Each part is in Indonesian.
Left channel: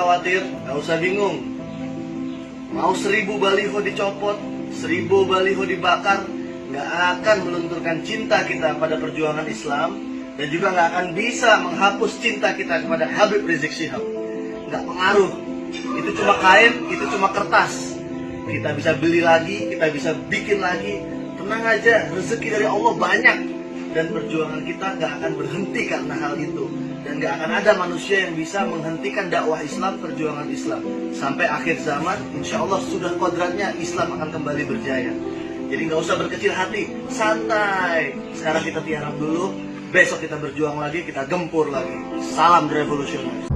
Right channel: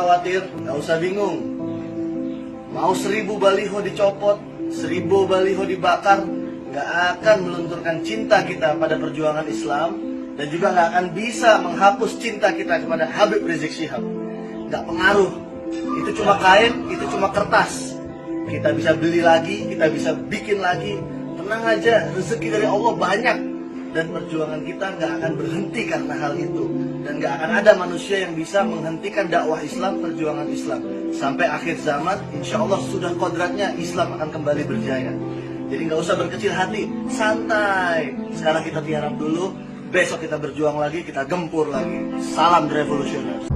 khawatir, nggak usah bingung. Mau 1000 baliho dicopot, 1000 baliho dibakar, nggak akan melunturkan cinta kita pada perjuangan Islam, dan juga nggak akan bisa menghapus cinta kita kepada Habib Rizik Syihab. Nggak pengaruh. Itu cuma kain, itu cuma kertas. Kita bisa beli lagi, kita bisa bikin lagi. Tenang aja, rezeki dari Allah banyak. Dan perjuangan kita nggak akan berhenti karena hal itu. Dan nggak akan ada manusia yang bisa menghentikan dakwah Islam, perjuangan Islam. Sampai akhir zaman, insya Allah sudah kodratnya Islam akan kembali berjaya. Jadi nggak usah berkecil hati, santai. Sekarang kita tiarap dulu, besok kita berjuang lagi, kita gempur lagi. Salam revolusioner.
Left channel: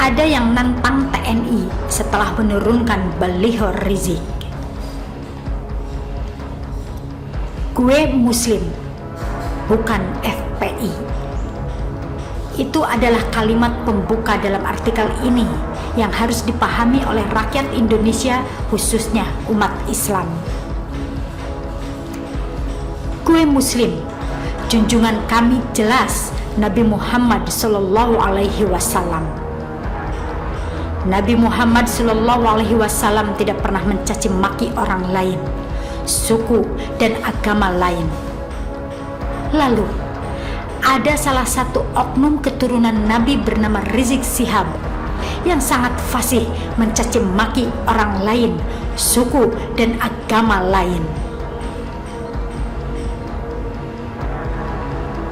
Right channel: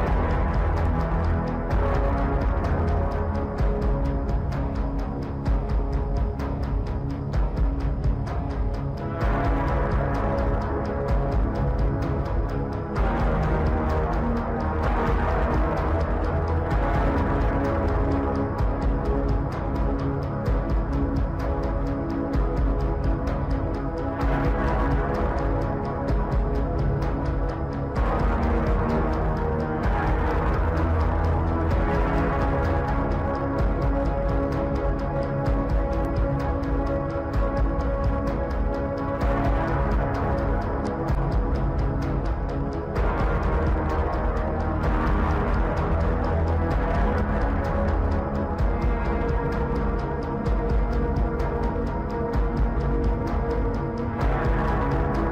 Ada yang nantang TNI setelah menurunkan baliho Rizik. Gue Muslim, bukan FPI. Itu adalah kalimat pembuka dalam artikel ini yang harus dipahami oleh rakyat Indonesia, khususnya umat Islam. Gue Muslim, junjungan kami jelas Nabi Muhammad SAW. Nabi Muhammad SAW tidak pernah mencaci maki orang lain, suku dan agama lain. Lalu, ada salah satu oknum keturunan Nabi bernama Rizik Syihab yang sangat fasih mencaci maki orang lain, suku dan agama lain.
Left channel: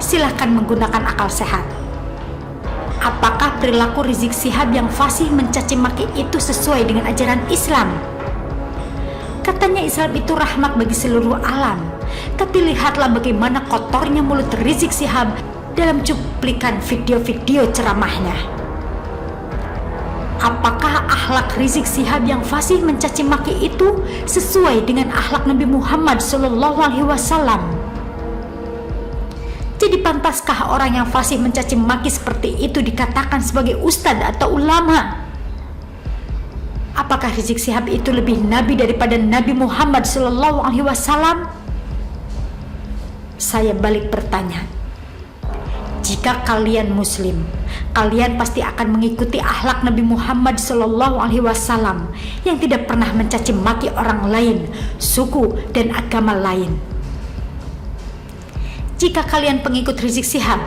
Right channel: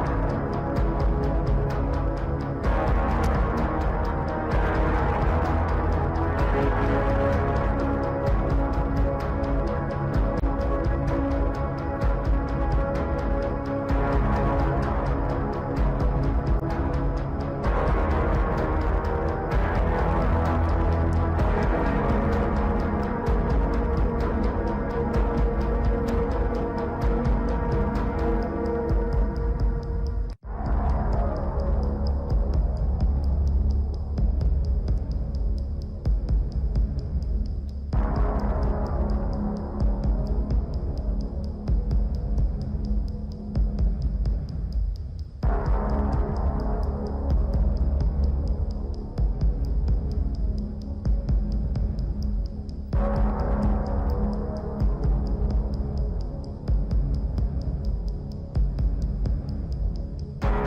Silakan menggunakan akal sehat. Apakah perilaku Rizik Syihab yang fasih mencaci maki itu sesuai dengan ajaran Islam? Katanya Islam itu rahmat bagi seluruh alam. Tapi lihatlah bagaimana kotornya mulut Rizik Syihab dalam cuplikan video-video ceramahnya. Apakah akhlak Rizik Syihab yang fasih mencaci maki itu sesuai dengan akhlak Nabi Muhammad SAW? Jadi pantaskah orang yang fasih mencaci maki seperti itu dikatakan sebagai ustadz atau ulama? Apakah Rizik Syihab itu lebih nabi daripada Nabi Muhammad SAW? Saya balik bertanya. Jika kalian Muslim, kalian pasti akan mengikuti akhlak Nabi Muhammad SAW yang tidak pernah mencaci maki orang lain, suku dan agama lain. Jika kalian pengikut Rizik Syihab,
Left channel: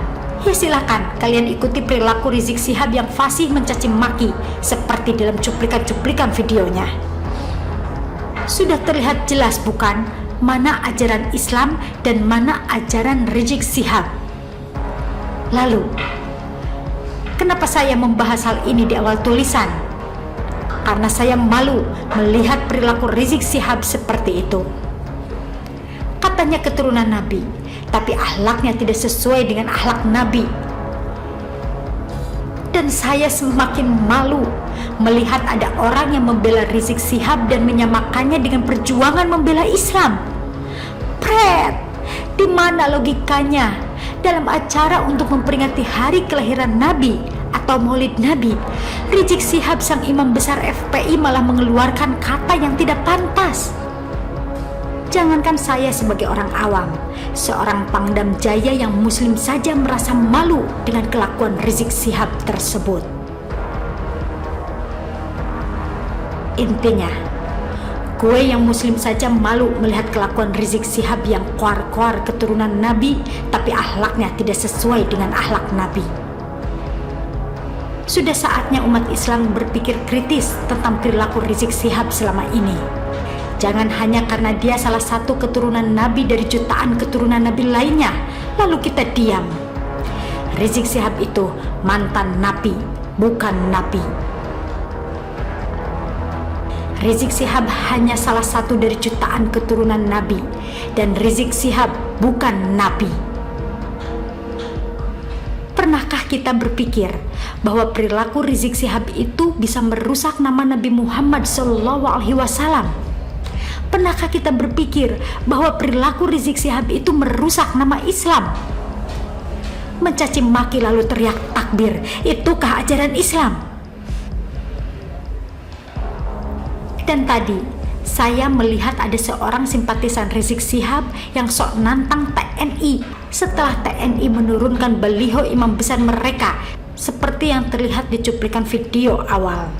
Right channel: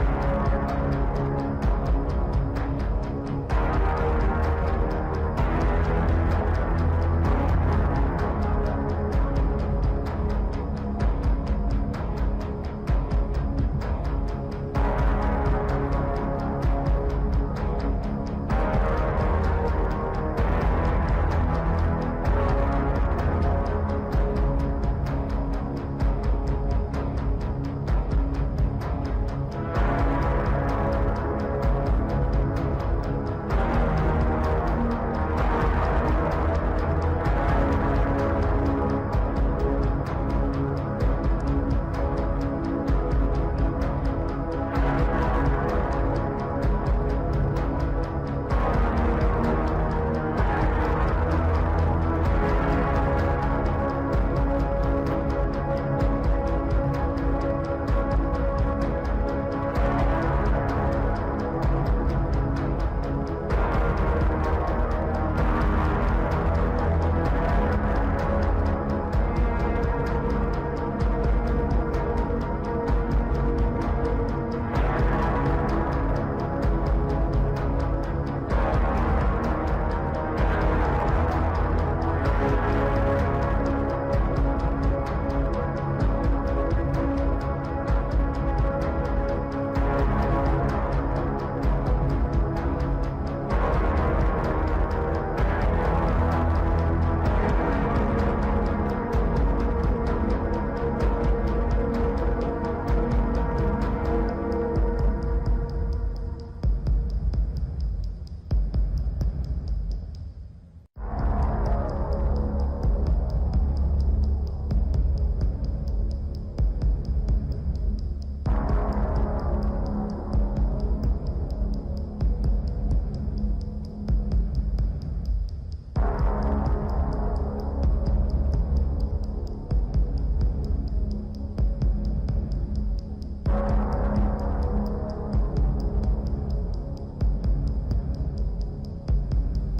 ya silakan kalian ikuti perilaku Rizik Syihab yang fasih mencaci maki seperti dalam cuplikan-cuplikan videonya. Sudah terlihat jelas bukan mana ajaran Islam dan mana ajaran Rizik Syihab. Lalu, kenapa saya membahas hal ini di awal tulisan? Karena saya malu melihat perilaku Rizik Syihab seperti itu. Katanya keturunan Nabi, tapi akhlaknya tidak sesuai dengan akhlak Nabi. Dan saya semakin malu melihat ada orang yang membela Rizik Syihab dan menyamakannya dengan perjuangan membela Islam. Pret, di mana logikanya dalam acara untuk memperingati hari kelahiran Nabi atau Maulid Nabi, Rizik Syihab sang imam besar FPI malah mengeluarkan kata yang tidak pantas. Jangankan saya sebagai orang awam, seorang Pangdam Jaya yang Muslim saja merasa malu dengan kelakuan Rizik Syihab tersebut. Intinya, gue yang Muslim saja malu melihat kelakuan Rizik Syihab yang koar-koar keturunan Nabi, tapi akhlaknya tidak sesuai dengan akhlak Nabi. Sudah saatnya umat Islam berpikir kritis tentang perilaku Rizik Syihab selama ini. Jangan hanya karena dia salah satu keturunan Nabi dari jutaan keturunan Nabi lainnya, lalu kita diam. Rizik Syihab itu mantan Nabi, bukan Nabi. Rizik Syihab hanya salah satu dari jutaan keturunan Nabi, dan Rizik Syihab bukan Nabi. Pernahkah kita berpikir bahwa perilaku Rizik Syihab itu bisa merusak nama Nabi Muhammad SAW? Pernahkah kita berpikir bahwa perilaku Rizik Syihab itu merusak nama Islam? Mencaci maki lalu teriak takbir, itukah ajaran Islam? Dan tadi, saya melihat ada seorang simpatisan Rizik Syihab yang sok nantang TNI setelah TNI menurunkan baliho imam besar mereka seperti yang terlihat di cuplikan video awal.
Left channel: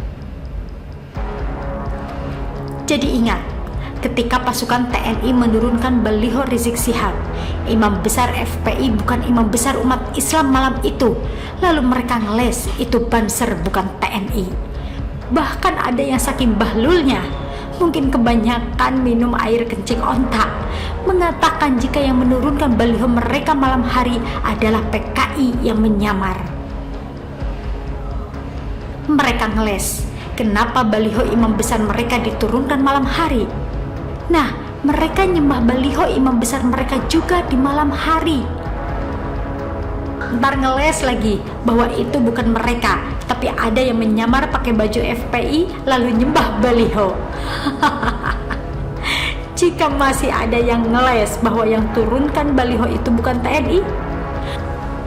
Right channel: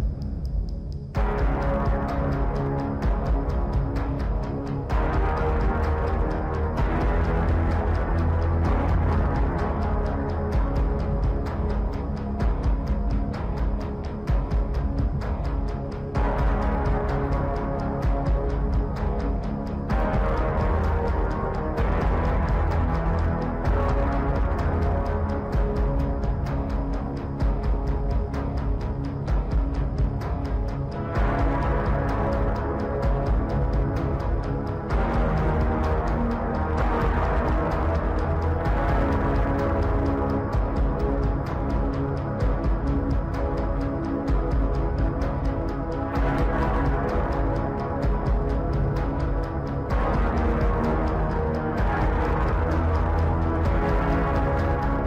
Jadi ingat, ketika pasukan TNI menurunkan baliho Rizik Syihab, imam besar FPI bukan imam besar umat Islam malam itu. Lalu mereka ngeles itu Banser bukan TNI. Bahkan ada yang saking bahlulnya, mungkin kebanyakan minum air kencing onta, mengatakan jika yang menurunkan baliho mereka malam hari adalah PKI yang menyamar. Mereka ngeles, kenapa baliho imam besar mereka diturunkan malam hari? Nah, mereka nyembah baliho imam besar mereka juga di malam hari. Ntar ngeles lagi bahwa itu bukan mereka, tapi ada yang menyamar pakai baju FPI lalu nyembah baliho. Jika masih ada yang ngeles bahwa yang turunkan baliho itu bukan TNI,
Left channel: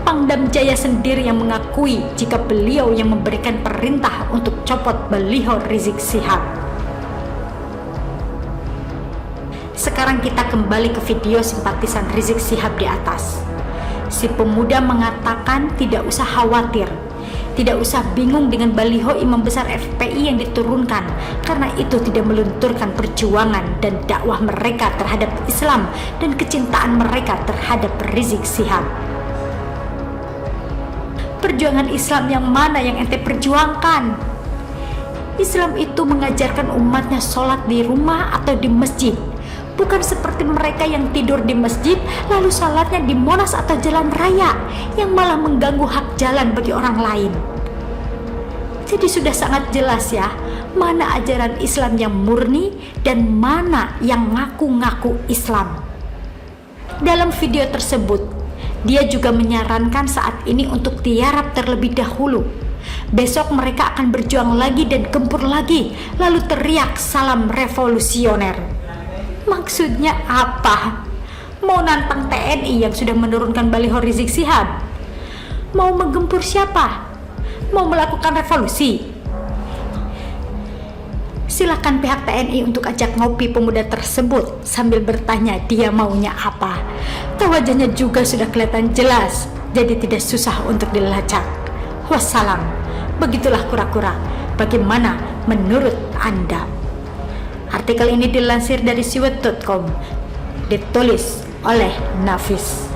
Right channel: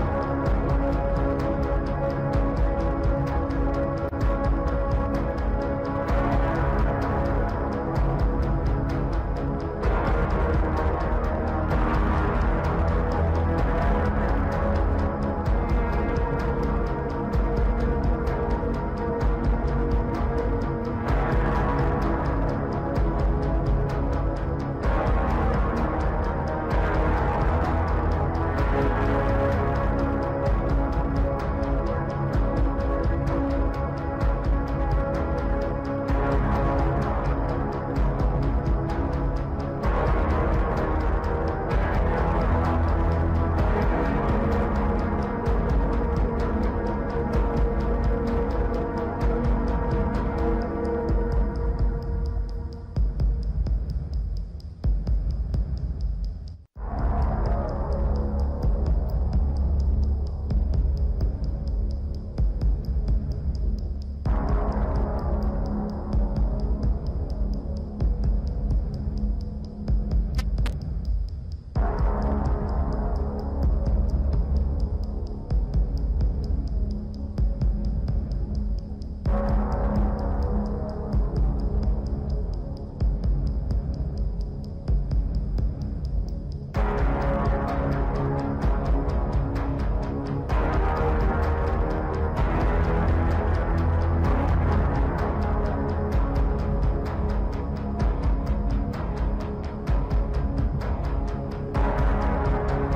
Pangdam Jaya sendiri yang mengakui jika beliau yang memberikan perintah untuk copot baliho Rizik Syihab. Sekarang kita kembali ke video simpatisan Rizik Syihab di atas. Si pemuda mengatakan tidak usah khawatir, tidak usah bingung dengan baliho imam besar FPI yang diturunkan, karena itu tidak melunturkan perjuangan dan dakwah mereka terhadap Islam dan kecintaan mereka terhadap Rizik Syihab. Perjuangan Islam yang mana yang ente perjuangkan? Islam itu mengajarkan umatnya sholat di rumah atau di masjid, bukan seperti mereka yang tidur di masjid lalu sholatnya di Monas atau jalan raya yang malah mengganggu hak jalan bagi orang lain. Jadi sudah sangat jelas ya, mana ajaran Islam yang murni dan mana yang ngaku-ngaku Islam. Dalam video tersebut, dia juga menyarankan saat ini untuk tiarap terlebih dahulu. Besok mereka akan berjuang lagi dan gempur lagi, lalu teriak salam revolusioner. Maksudnya apa? Mau nantang TNI yang sudah menurunkan baliho Rizik Syihab? Mau menggempur siapa? Mau melakukan revolusi? Silakan pihak TNI untuk ajak ngopi pemuda tersebut sambil bertanya dia maunya apa. Wajahnya juga sudah kelihatan jelas, jadi tidak susah untuk dilacak. Wassalam. Begitulah kura-kura. Bagaimana menurut Anda? Artikel ini dilansir dari siwet.com, ditulis oleh Nafis.